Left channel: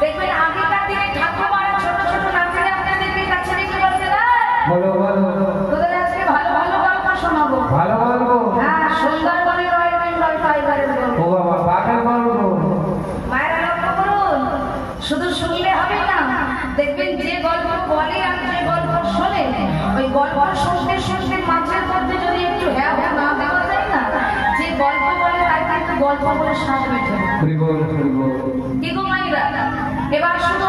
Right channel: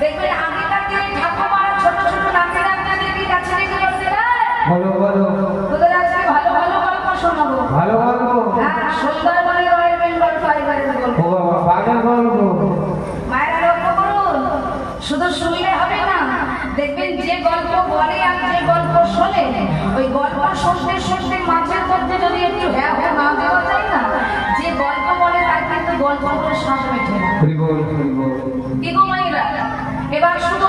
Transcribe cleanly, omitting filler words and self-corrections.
দেখবেন আগেকার দিনে ঠাকুমারা ছোট ছোট নাতি নাতনিদের কাছে নিয়ে বলতে ভালো ভালো তোদের আজকে ভালো ভালো গল্প শোনাবো। ভালো ভালো হ্যাঁ, সুন্দরবনে রয়েবেন গল্প এবারে ও বাবা বাগান বলবো। মায়েরা লক্ষ্য করুন, শুধু শুনলে হবে না, দেখবেন যে গল্প বলে আর যে গল্প শোনে, ওই গল্প শুনতে শুনতে মাঝের মধ্যে যদি একটু হ্যাঁ হ্যাঁ না দেওয়া যায় না, যে গল্প বলে তার কিন্তু গল্প বলে শ্বাস হয়ে যাবে। কি গো মায়েরা, এবার শুরু